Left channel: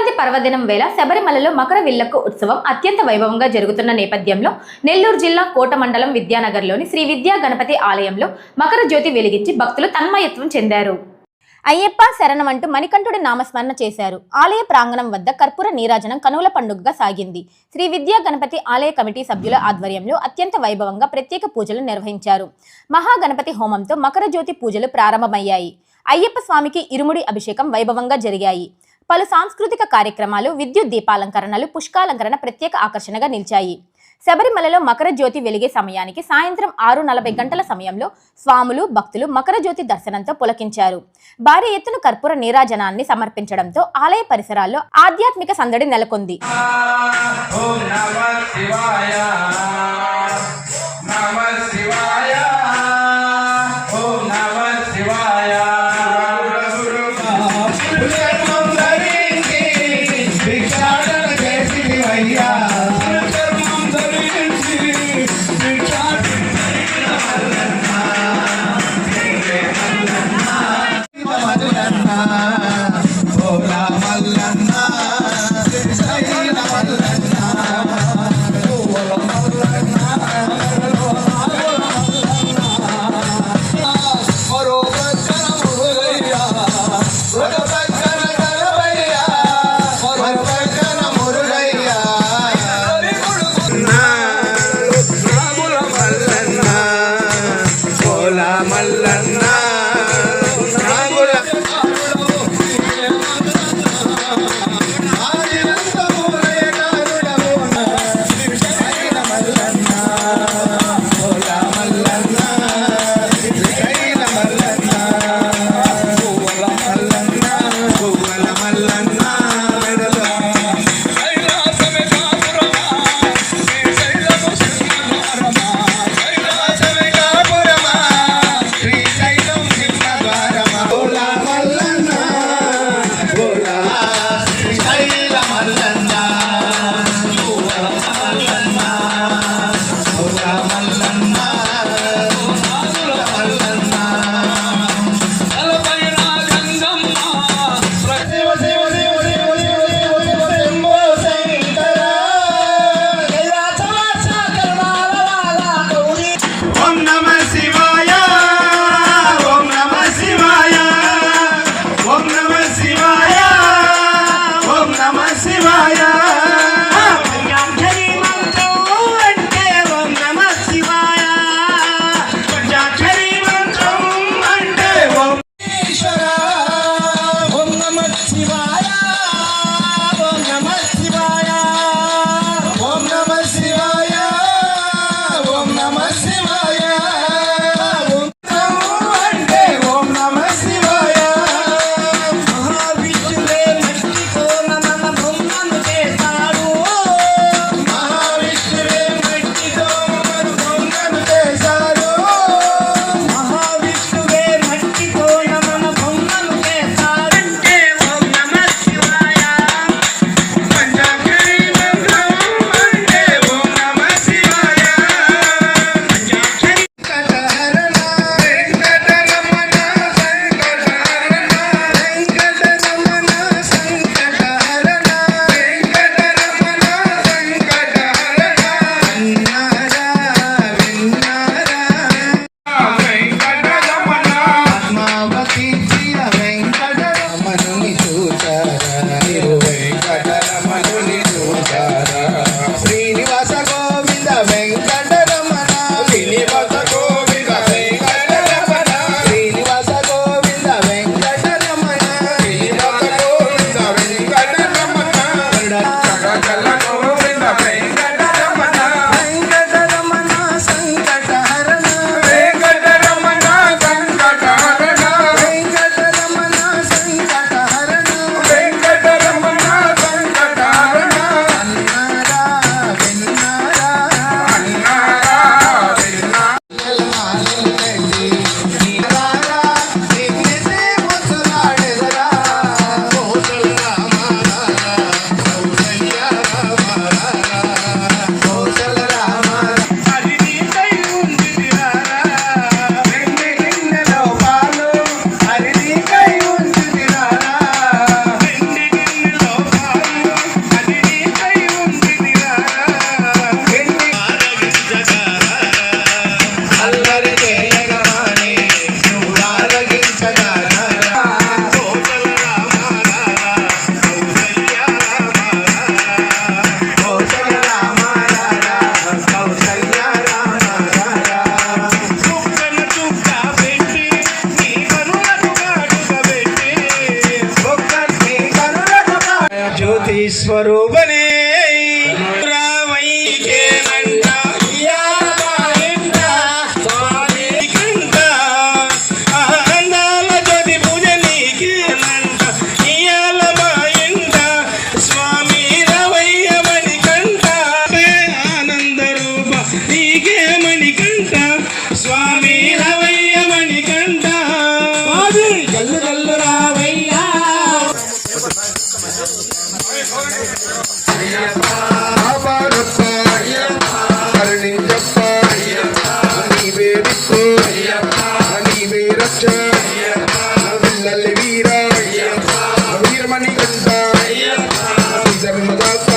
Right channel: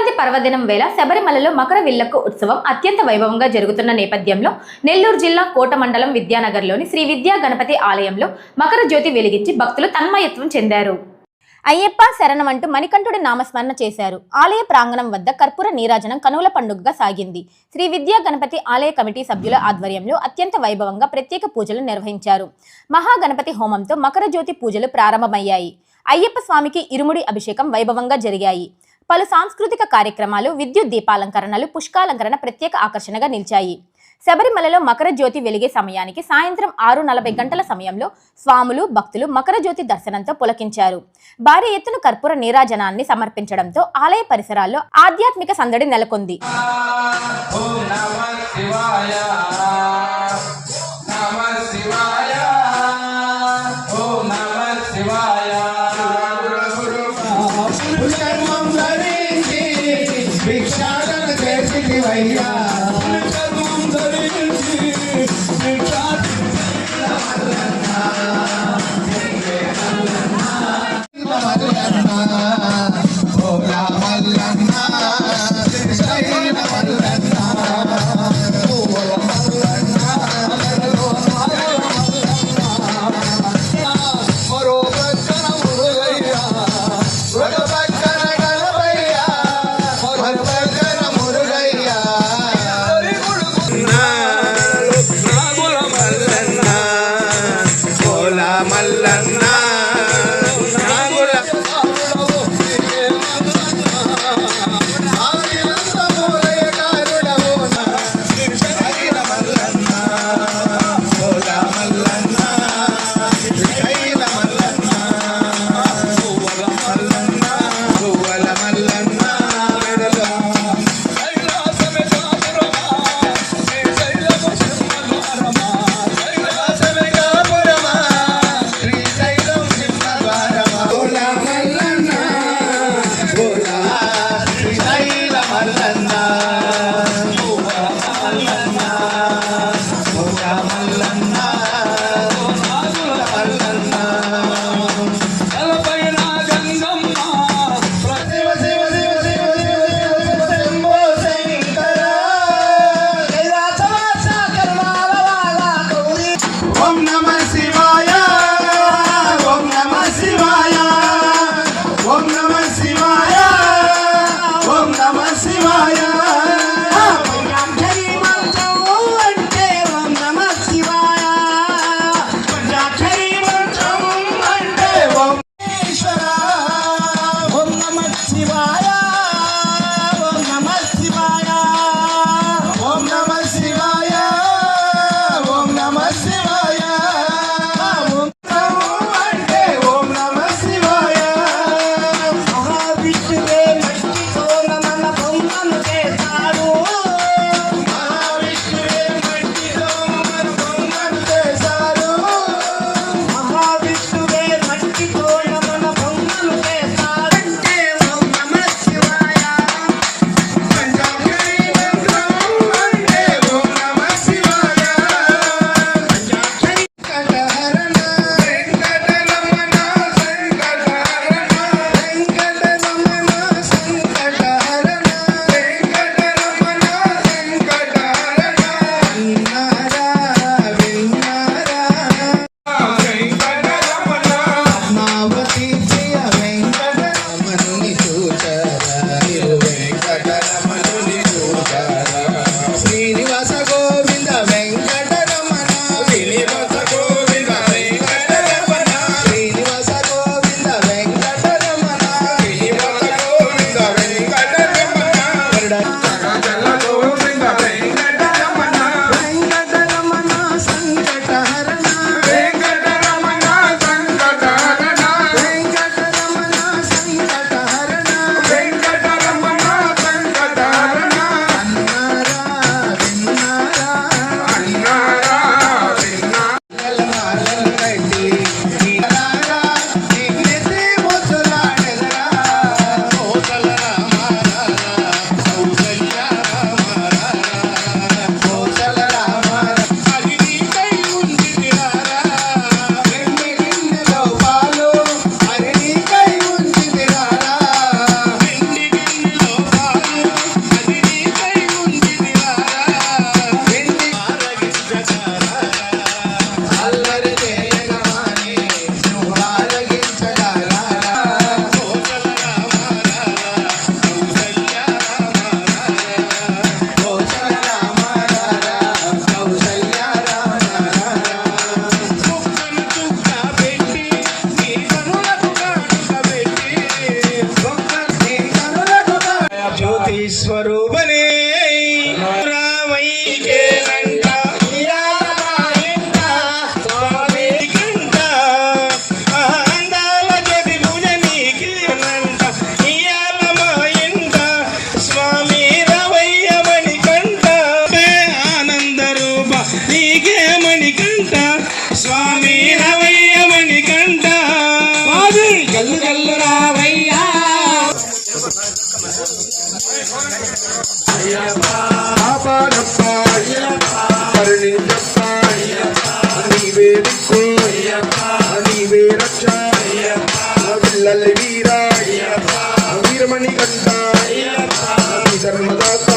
సంక్రాంతి పర్వదినం వేళ శబరిమలలో మకర విల్లక్కు ఉత్సవం అత్యంత వైభవంగా జరుగుతున్న నేపథ్యంలో నెల్లూరు జిల్లా కోట మండలం విద్యానగర్లోని శ్రీ విద్యా గణపతి ఆలయంలో మకర జ్యోతి వెలిగించి భక్తులు తన్మయత్వం చెందారు. అయ్యప్ప శరణమంటూ మణికంఠుడి నామస్మరణ చేశారు. ఆలయ ప్రాంగణం వద్ద కర్పూర నీరాజనం కనుల పండుగగా సాగింది. శ్రీ విద్యా గణపతి ఆలయ కమిటీ సభ్యుల ఆధ్వర్యంలో అత్యంత వైభవంగా ప్రత్యేక పూజలు నిర్వహించారు. మహాగణపతి హోమంతో మకర జ్యోతి పూజలు ప్రారంభమయ్యాయి. అయ్యప్ప స్వామికి ఇరుముడి అభిషేకం వైభవంగా జరిగాయి. పలు సాంస్కృతిక కార్యక్రమాలు, విద్యుత్ దీపాలంకరణలు, పుష్పాలంకరణ ప్రత్యేక ఆకర్షణగా నిలిచాయి. శబరిమలలో మకర జ్యోతి వెలిగే సమయానికి సాయంత్రం 6:40 గంటల సమయంలో స్వాములు, భక్తులు మకర జ్యోతి దర్శనంతో పులకించారు. భారీ ఎత్తున కర్పూర నీరాజనాన్ని సమర్పించడంతో ఆలయ పరిసరాల్లో ఆధ్యాత్మిక సందడి నెలకొంది. స్వరూపనే స్వామి రవయ్య మణికంఠ గల్లు గల్లు రావయ్యా వీరమణికంఠ ధర్మదాత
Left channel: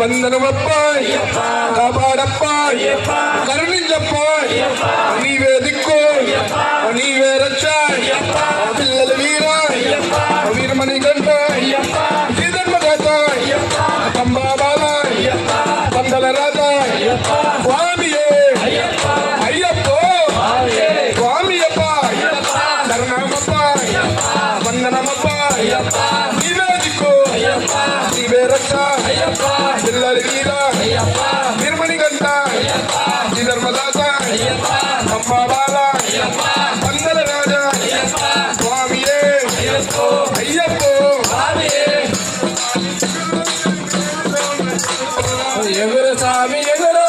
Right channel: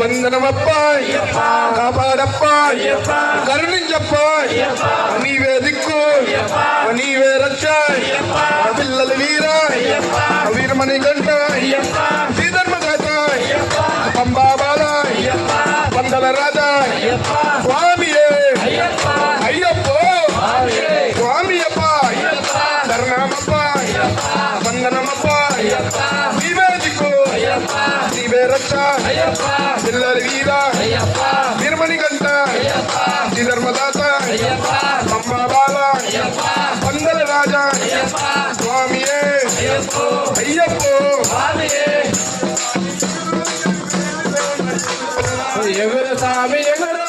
వందనమప్ప కాపాడప్ప కరుణించప్ప నీవే దిక్కు నీవే రక్ష పిల్లలు వీరమణికంఠ శ్రీధర్మదాత పంబాబాల పందల రాజా స్వామియే అయ్యప్ప స్వామియప్ప శరణమప్ప వందనమప్ప నీవే దిక్కు నీవే రక్ష పిల్లలు వీరమణికంఠ శ్రీధర్మదాత పంబాబాల పందల రాజా స్వామియే అయ్యప్ప ఎగురు స్వామి ఎగురు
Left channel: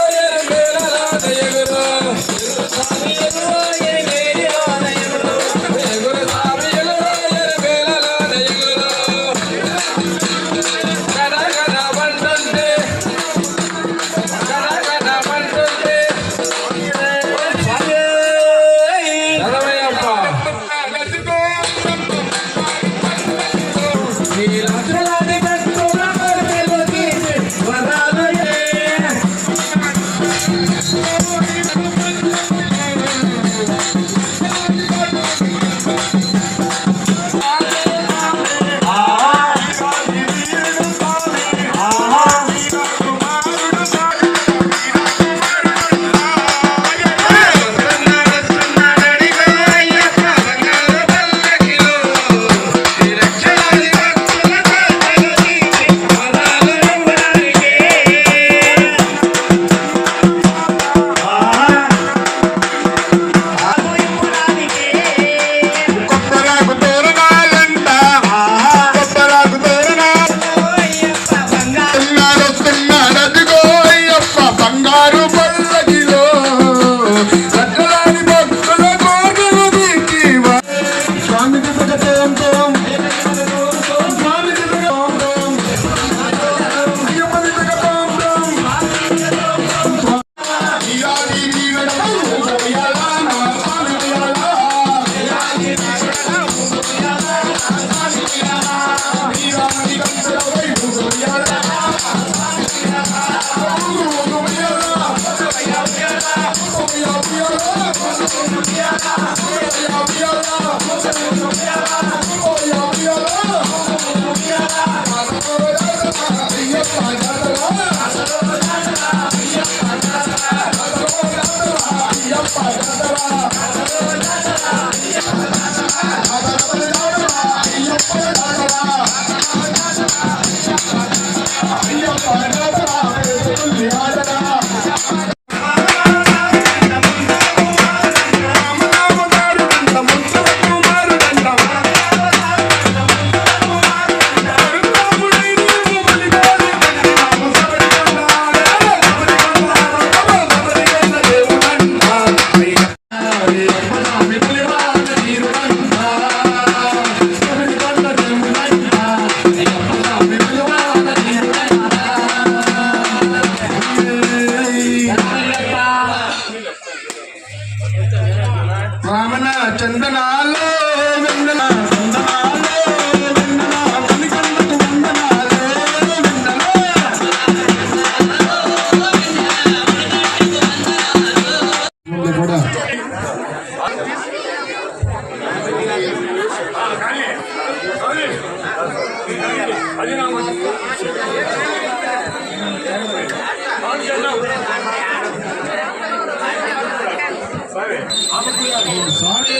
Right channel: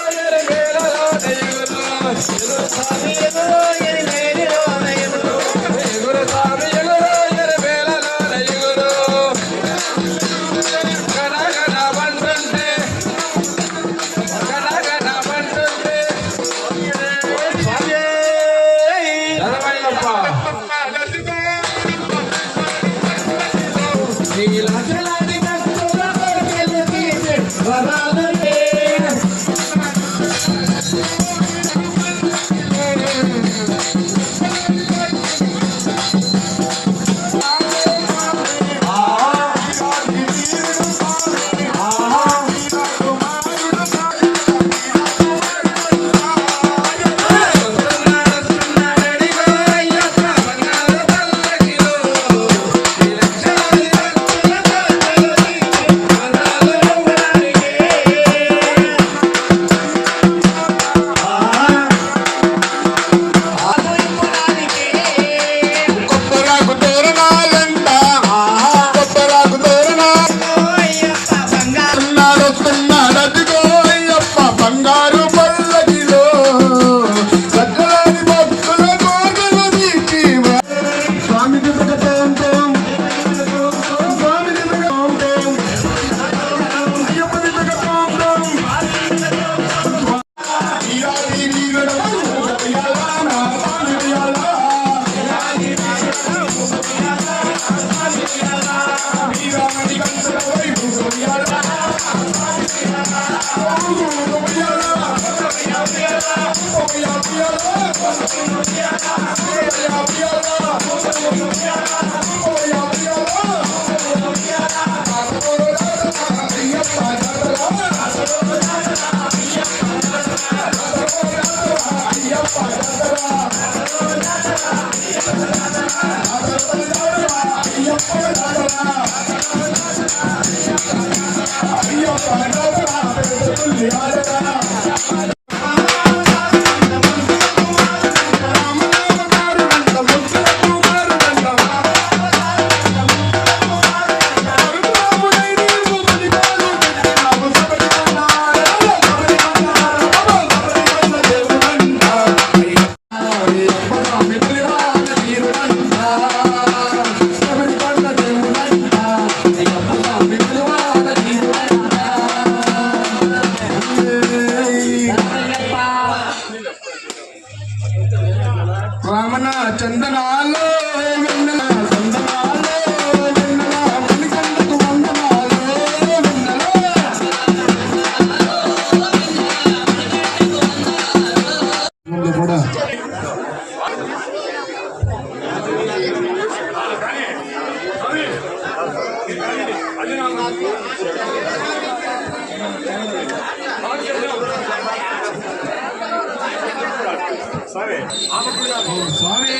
ఓం స్వామి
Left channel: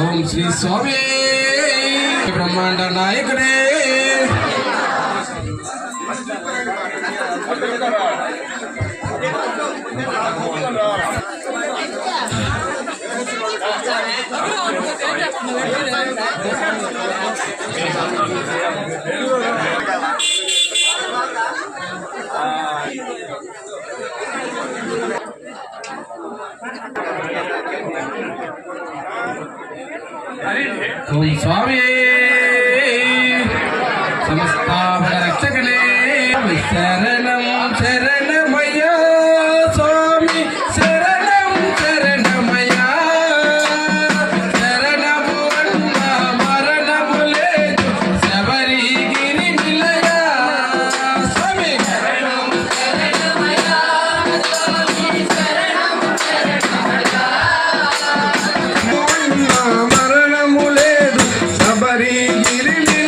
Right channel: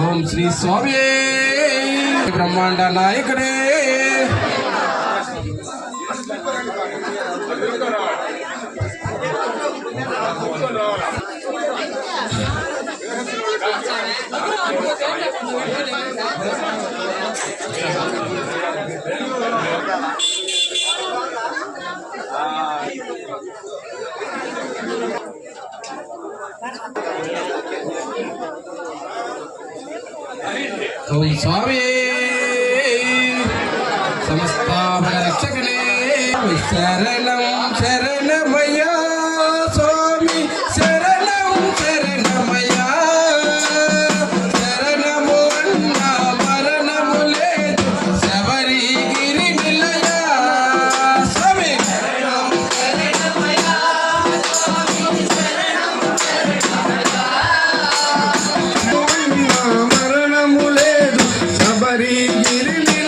ఓం శ్రీ స్వామి బ్రహ్మాండ నాయకుడే ఓం స్వామి సంస్థాపక రక్షకనే శరణం శరణమయ్యా స్వామి శరణం శరణమయ్యా శరణము అన్న మరణము లేదు శబరిగిరి నిలయా స్వామి మరణము లేదు శబరిగిరి